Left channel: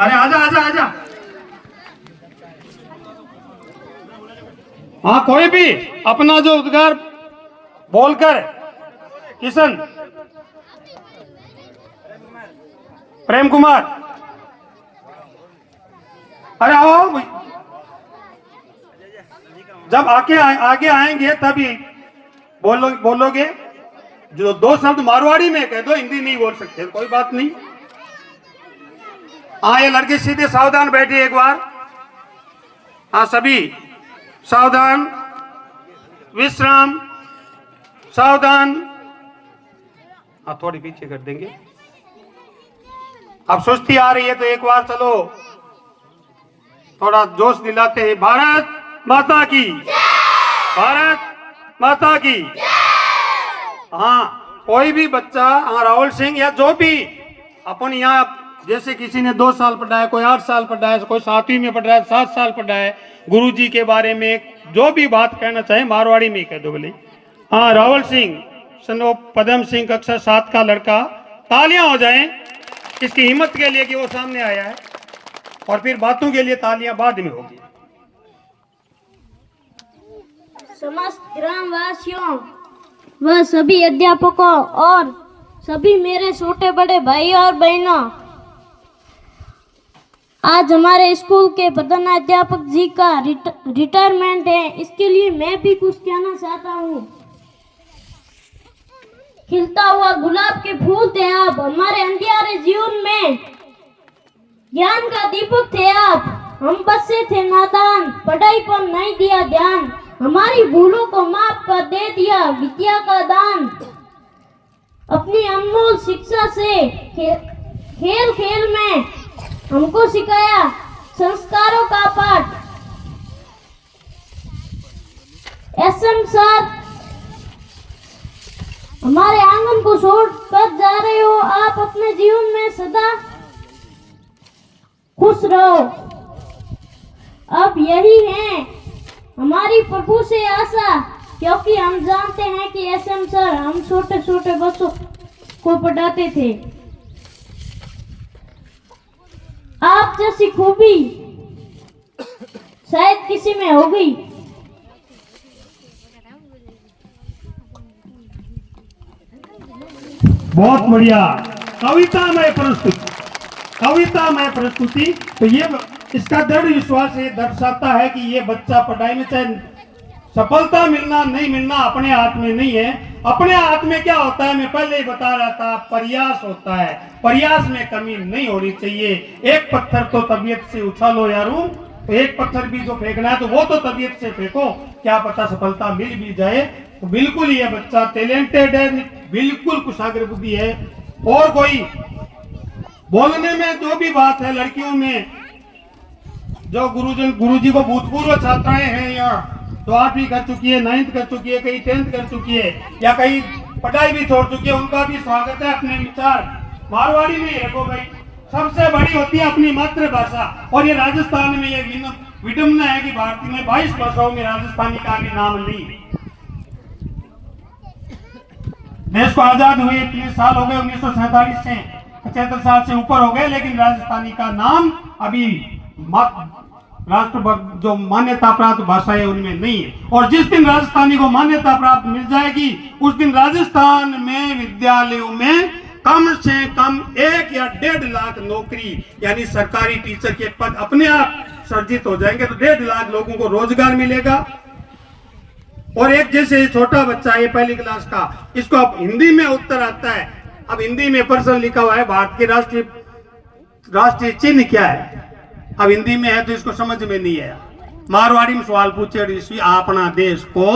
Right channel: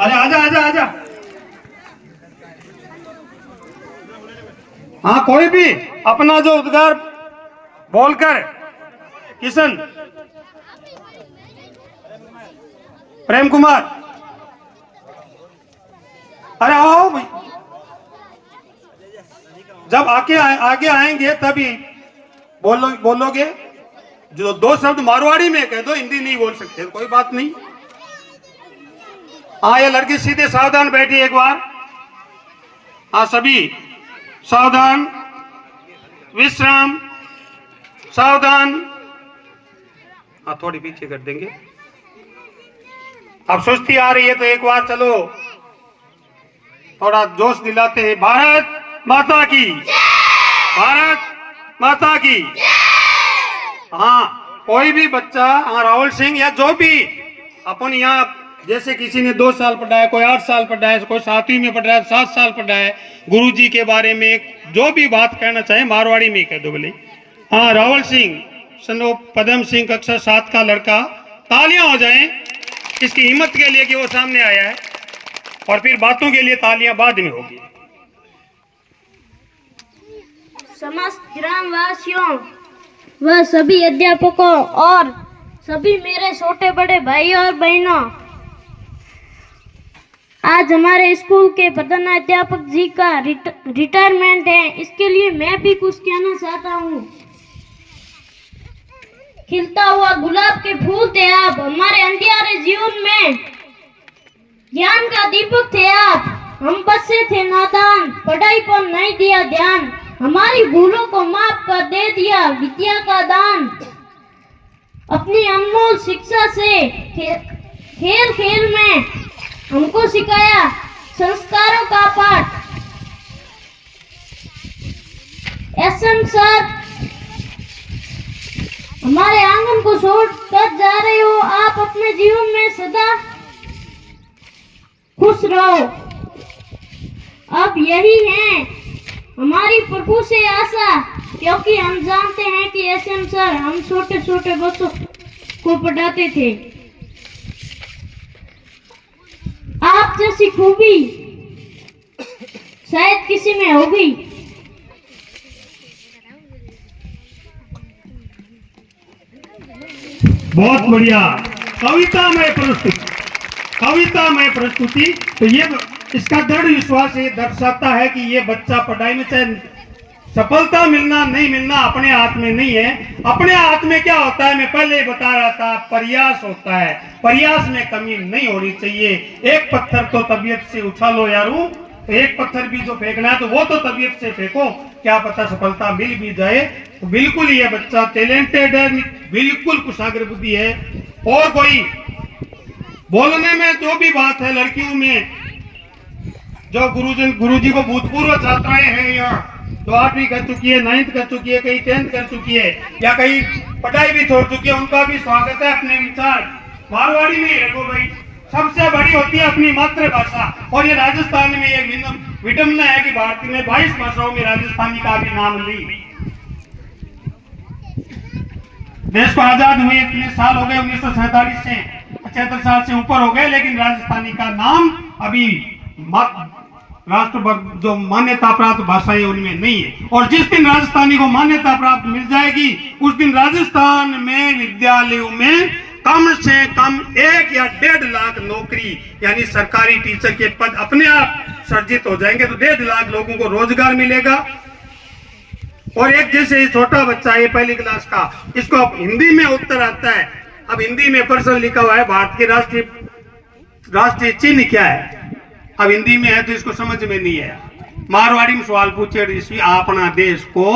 अरे आजा आजा आजा। हाँ, कोई भी अपना जो उद्गार बोलकर। किशन, प्रेम कुमार, अरे आओ भाई। जब आगे आएंगे तभी बोलोगे। जो दो शब्द मारवाड़ी में कह दो, हिंदी नहीं बोल सकते, कोई बात नहीं। हाँ, ये लड़के सीधे सावधान बैठिए एक बार। हाँ, सभी सावधान, विश्राम, सावधान। हाँ, थोड़ी पीछे कर देंगे। अब सुस्ती आ रही है तो एक बार चलो थोड़ा जोश दिलाते हैं। भारत माता की, भारत माता की। हाँ, कोई भी बच्चा, हाँ राहुल सिंह या जो भी अपन यहाँ, जैसे किसी ने 2 साल पढ़ा है, कोई 8 साल पढ़ा है, कोई 7वीं में पढ़ रहा है, 7 साल पढ़ा है, गुरुजी के बारे में जो भी बात कहना चाहे मारवाड़ी में कह दो बोले। हाँ, राहुल सिंह सनो पदम सिंह कक्षा 7 का लड़का। तालियां हो जाएं इसकी हिम्मत के लिए कि वो सामने आया है, और फिर बातों के लिए तालियां बाद में होगी। समस्त ग्रामवासियों व सभी अध्यापकों और सभी मेरे छोटे बड़े भाई और बहनों, आज हमारे स्कूल के प्रधानाध्यापक जी का रिटायरमेंट है। इसके लिए मैं भी कुछ कहना चाहता हूँ। खिलता हुआ गुलाब के फूल थे आप, हमारे अंधियारे जीवन में ज्ञान का दीपक थे आप। हम बच्चे थे नादान, पढ़ाई पर नहीं दिया ध्यान, हमारी भूलों को माफ कर दे दिया विद्या का दान। अपनी अनमोल शिक्षा से खेल खेल में हमको सिखाया संस्कारों का पाठ। एसएम सर, हमारे आंगन को छोड़ कर जा रहे हो, आप अपने जीवन में सदा खुश रहो। अब यही है हमारी प्रभु से आशा, क्योंकि हम जानते हैं कि एसएम सर हम छोटे छोटे बच्चों को पढ़ाते थे। आप जैसी खूबी शायद किसी में होगी। बहुत बढ़िया कवितामय प्रस्तुति, कवितामय प्रस्तुति। तो ये इसका दृढ़ विश्वास ये दर्शाता है कि ये बच्चा पढ़ाई में चाहे सफलता मिलना नहीं मिलना अपने हाथ में नहीं है। अपने हाथ में क्या होता है, मैं पहले ही बता रहा था, प्रयास होता है। प्रयास में कमी नहीं होनी चाहिए। एक पत्थर तो तबीयत से उछालो यारू, तो एक पत्थर भी जो फेंकना है तो वो तो तबीयत से फेंको, क्या पता सफलता मिल भी जाए। तो बिल्कुल ये बच्चा टैलेंटेड है, बिल्कुल कुशाग्र बुद्धि है। और कोई बोलने में जो भी बात है, लड़कियों में जो गुरुजी को भूतपूर्व छात्राएं हैं यहाँ, तो 8वीं कर चुकी है, 9th कर चुकी है, कहीं 10th कर चुकी है, या कहीं पढ़ाई भी छोड़ चुकी है, उनका भी स्वागत है। अपने विचार मारवाड़ी में ही रखो भाई। सबसे बड़ी होती है अपनी मातृभाषा, और ये राजस्थान में ये विडम्बना है कि भारतीय में 22 भाषाओं में राजस्थानी का भी नाम ली। देश को आजाद हुए 30 साल हो गए, 1947 से 75 साल से ऊपर हो गए, लेकिन राजस्थानी का नाम अभी राष्ट्र जो मान्यता प्राप्त भाषाएं उनमें नहीं है। और जिस दिन राजस्थानी को मान्यता प्राप्त मिल जाएगी, उस दिन राजस्थान में विद्यालयों में कम से कम 1 या 1.5 लाख नौकरी यानी सरकारी टीचर के पद अपने आप सर्जित हो जाएंगे। तो 1.5 लाख लोगों को रोजगार मिलेगा। और एक जैसे छोटा बच्चा है 1ली क्लास का, इसको अब हिंदी में उत्तर आता है। अब हिंदी में प्रश्न लिखा हुआ है, भारत के राष्ट्रीय चिन्ह क्या है। अब हिंदी में है तो इसको समझ में नहीं आया। मारवाड़ी में सवाल पूछे, अपना देश को